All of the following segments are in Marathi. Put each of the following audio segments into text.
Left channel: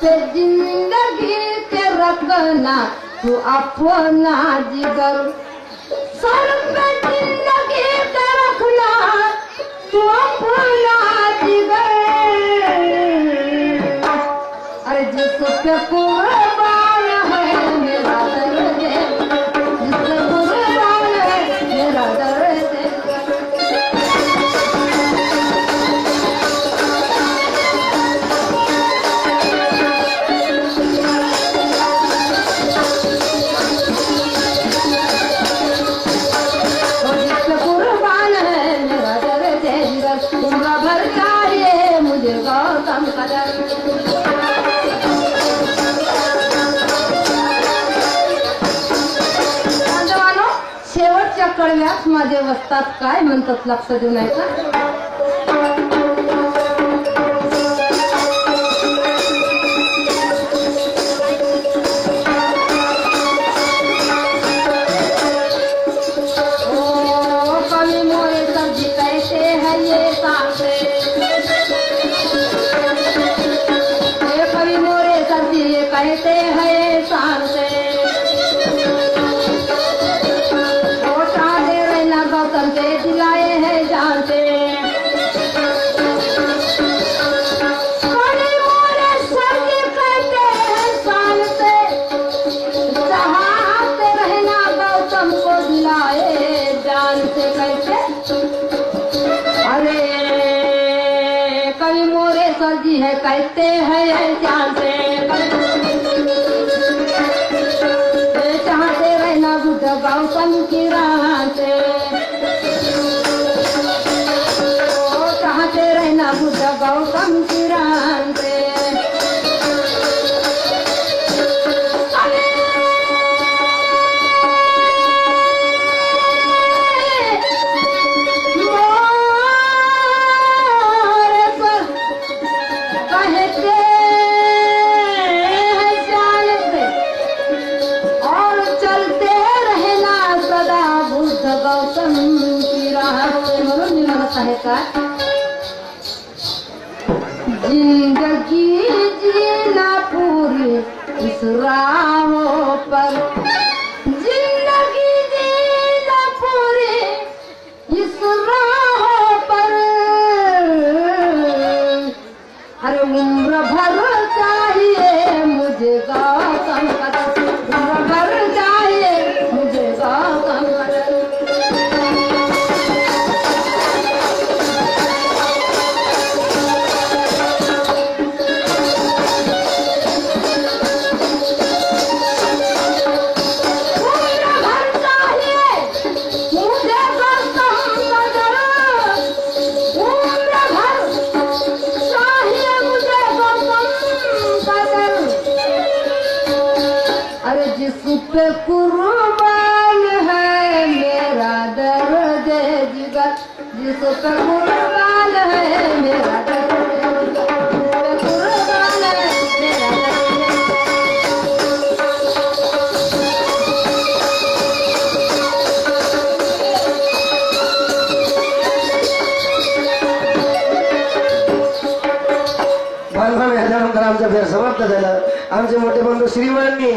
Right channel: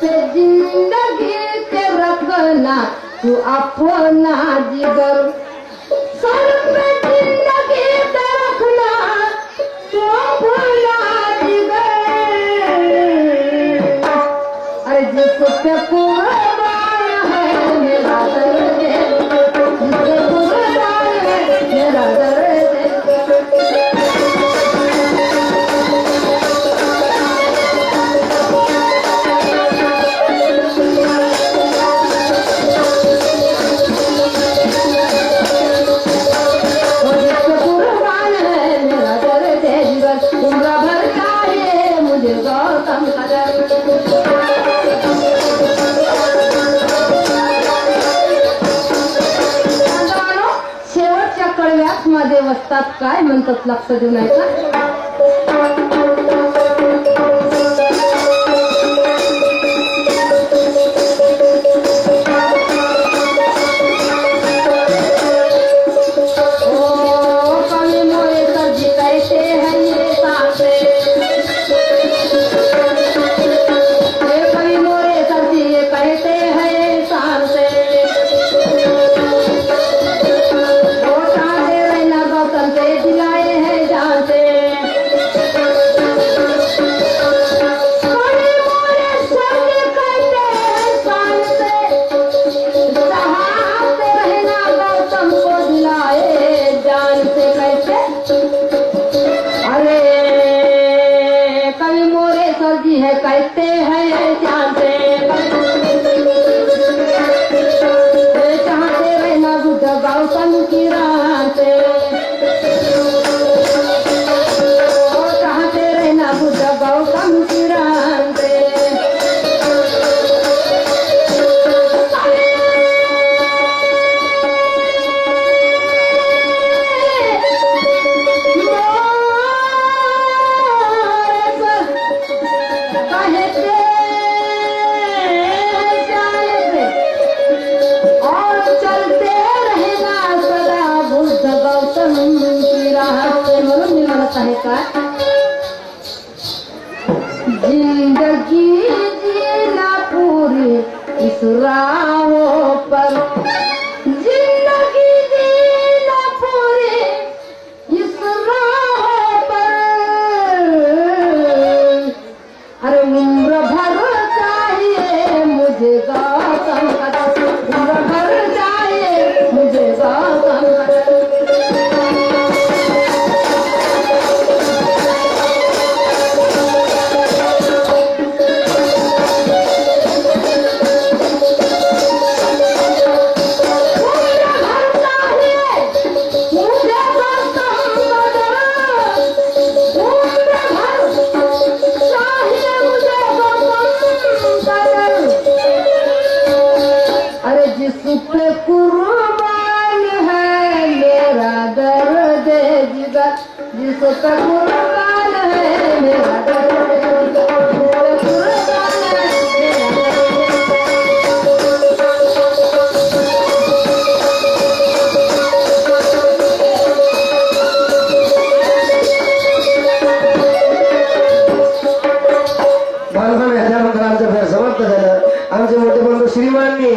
पे जिंदगी के रखना तू अपना जिगर, सर पे जिंदगी के रखना तू अपना जिगर। अरे जिस पे कुर्बान है मेरा दर्द, जिस पे कुर्बान है मेरा दर्द। शेवटच्या कळव्यात माझे वस्तात काय म्हणतात लक्ष देऊ नाही का? कहते हैं जानते चाहते रहना बुद्ध गौतम की राह से, चाहते रहना बुद्ध गौतम की राह से। जिंदगी जीना पूरी इस राहों पर, जिंदगी जीना पूरी इस राहों पर। अरे उम्र भर चाहिए मुझे गौतम का, उम्र भर चाहिए मुझे गौतम का। जिस पे कुर्बान है मेरा दर्द जिगर, जिस पे कुर्बान है मेरा दर्द जिगर, कुर्बान है मेरा बालपण आमचा फेर समाप्त झाला। आमचे मोठे बंधू श्रीमाननी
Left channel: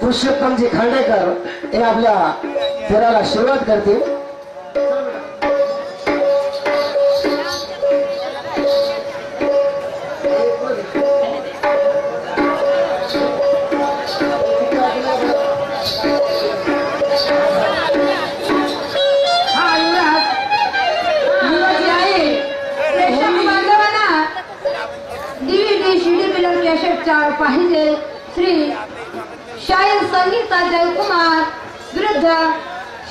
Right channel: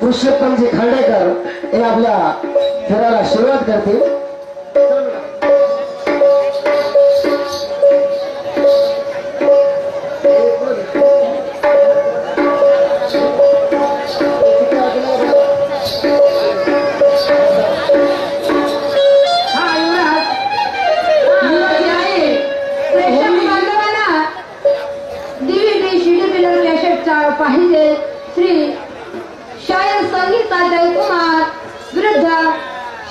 पुरुषोत्तमजी खांडेकर हे आपल्या फेराला सुरुवात करतील। पाहिजे श्री शाहीर संगीता जयकुमार विरुद्ध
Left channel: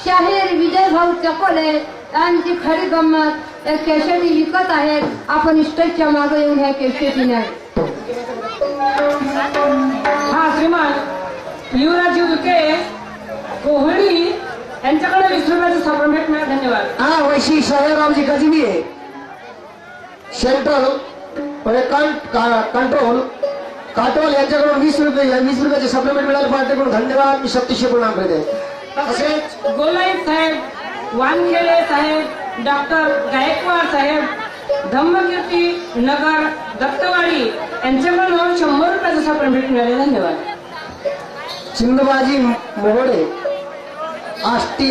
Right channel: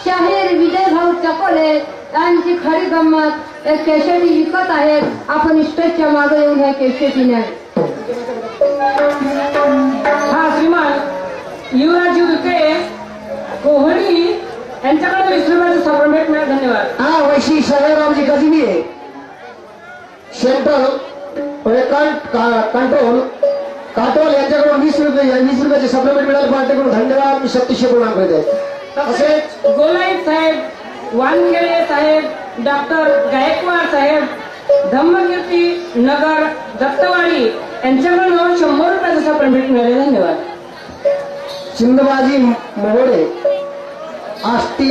शाहीर विजय भाऊ चकोले यांची खरी गंमत एक केशरी विकत आहेत। आपण स्टेजच्या मागे येऊन ह्या केशरीने हा श्रीमान युवराज विखे कोहली यांच्याकडे 20 रुपयाचं सप्लिमेंट मिळालं। धन्यवाद। हा वैशी शाहीरामजी गजबी आहे सेंट्रल कंट्रोल काटोल यांच्याकडून 20 रुपयाचे सप्लिमेंट मिळाले। पार्टीकडून धन्यवाद। मी शक्तिशी प्रणाम करते। तसेच गोलाईत साहेब, वानखेडे साहेब, डॉक्टर गायकवाड साहेब, धम्मकीर्ती नगर दत्तवाडी यांच्याकडून 100 आपण भेट मिळाले. धन्यवाद. चिंदबाजी मोहडे आष्टी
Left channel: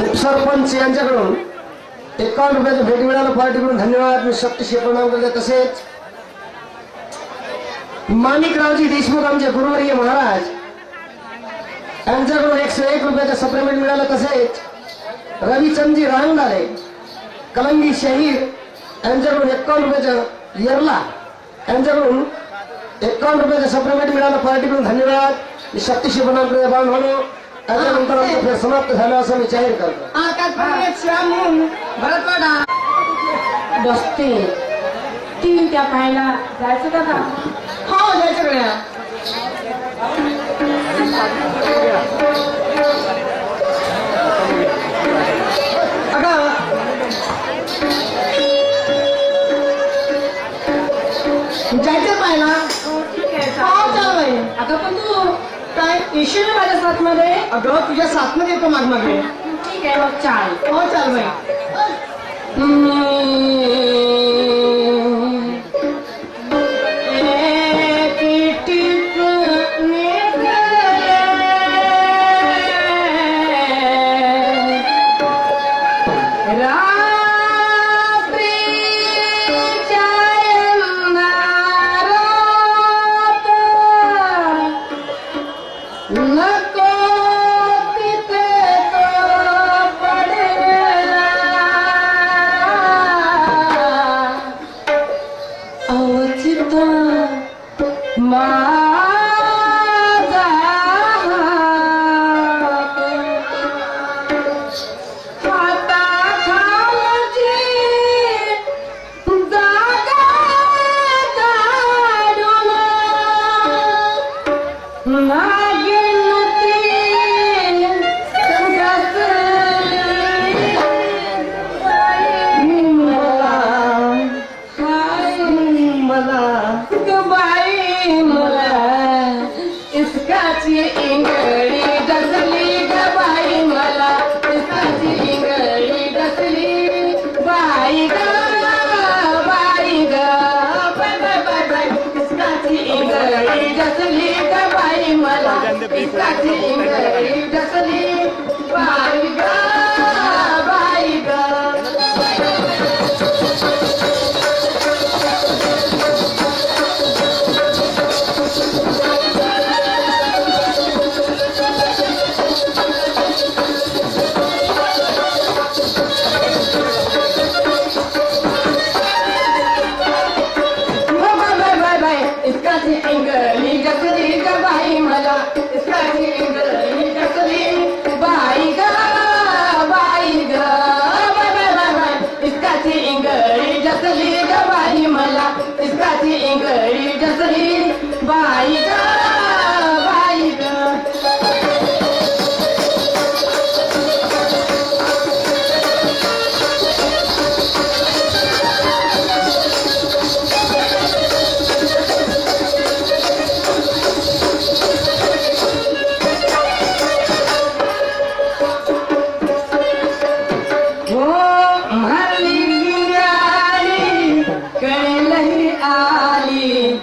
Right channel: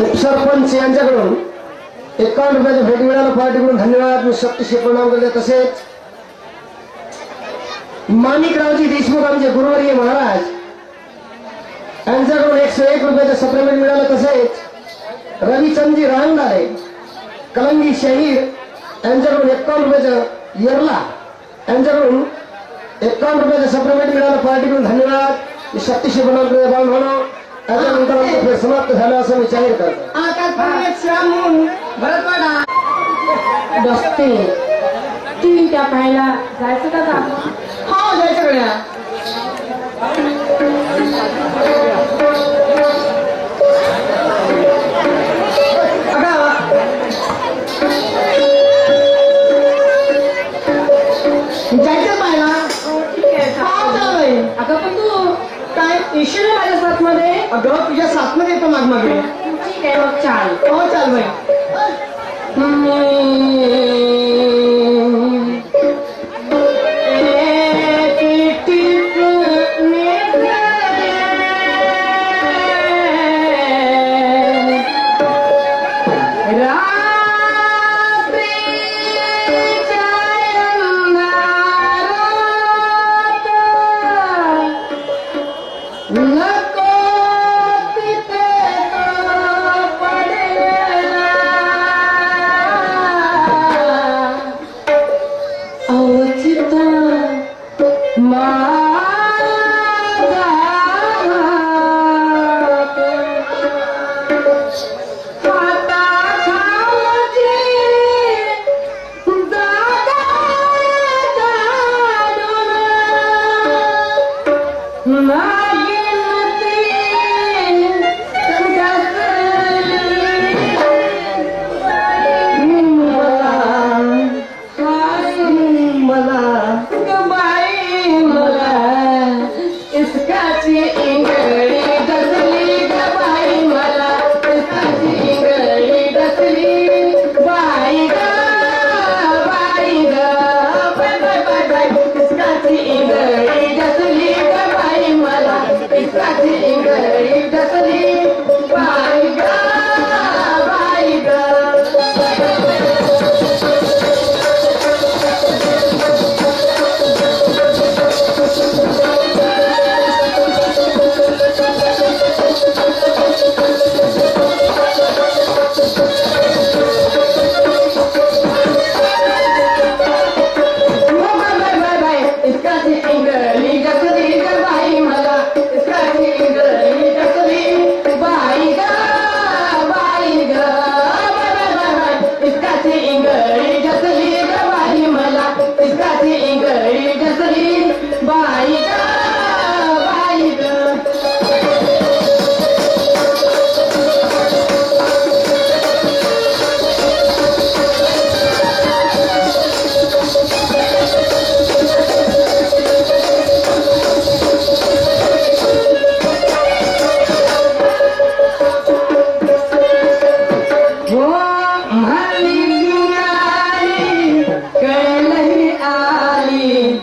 उपसरपंच यांच्याकडून 51 रुपयाची भेट मिळालं. पार्टीकडून धन्यवाद. मी शक्तीशी प्रणाम करते. तसेच माणिकरावजी देशमुख आमचे गुरुवर्य महाराज यांच्याकडून 101 रुपयाचं सप्लिमेंट मिळालं. तसेच रविचंदजी रांगदारे कलंगी शहीर यांच्याकडून 51 रुपयाचं येरला यांच्याकडून 51 रुपयाचं सप्लिमेंट मिळालं. पार्टीकडून धन्यवाद. मी शक्तीशी प्रणाम करते. बाळ म्हणून त्याच्यानंतर आमचं खेळ समाप्त झालं असं मी जाहीर करतो. बसते ती त्या पाहायला जायचं का का? हो जायचं गड्या. जायचं पाहिला. ठीक आहे. अगं पण तू काय येशील ना माझ्या साथमध्ये? अगं तुझ्या साथमध्ये येतो मागमागे. ठीक आहे मग चाल. हो चाल बाई. आली